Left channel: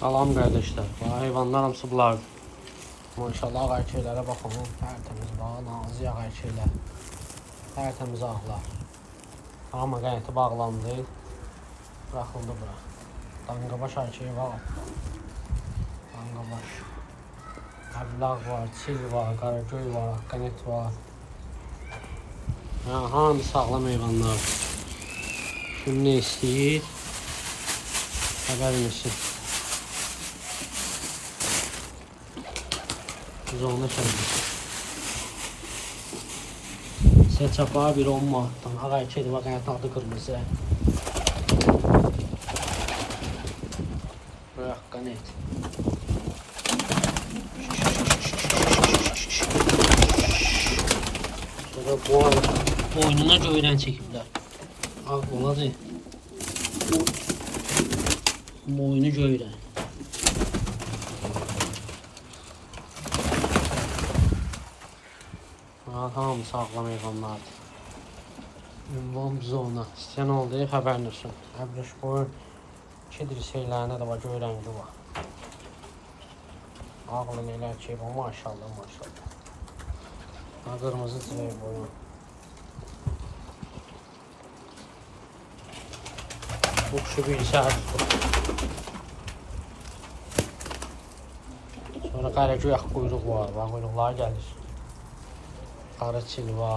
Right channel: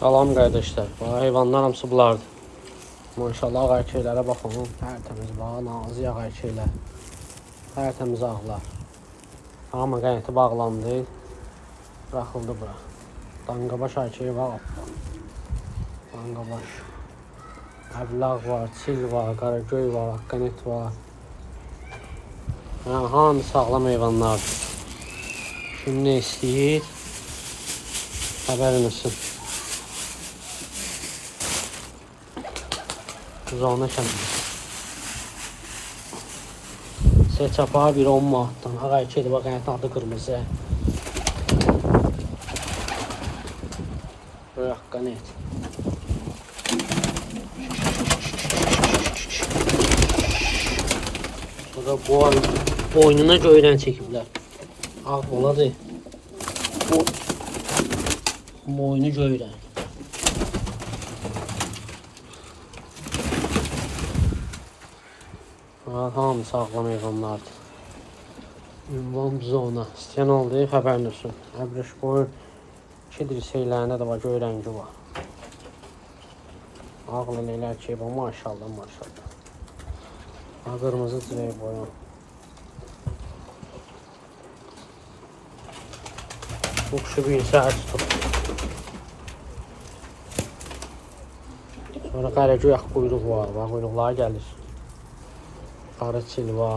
Salam kardeşler. Bu hayvanlar hamısı bunlardır. Maşallah qayçelərə baxın. Tərtəmiz var, nazik qayçelər. Tərtəmiz ağlar. Hamı qəyti bağlandı. Baxıldı bura. Danqabaş qayçeyi var. Danqabaş. Əbləğ var, çil var, qaragöy var, qanet var. Yəni hamı sağlam hayvanlardır. Kim ne istəyir? Xəbər misin? Uzağına kəndi. Çapa bir 10 manatdan. Qayçeli bax, yəni tadı qırmızı. Bırak qanet. Boynuna göydən çəkiblər. Al, oladır. Boynu göydən. Hamı sağlam hayvanlardır. Ünvan zona. Sən oldu, xəbərin olsun. Abrış boyu 2 dirseklərində də var, göy rəngi var. Ağla nelər ki, bu maşallah, maşallah. Qırmızı çiçək var. Şu bir saat tuttu. Sonra qaragöy yax buyruq var. Buyruqlar gəlir. Qarı çil var.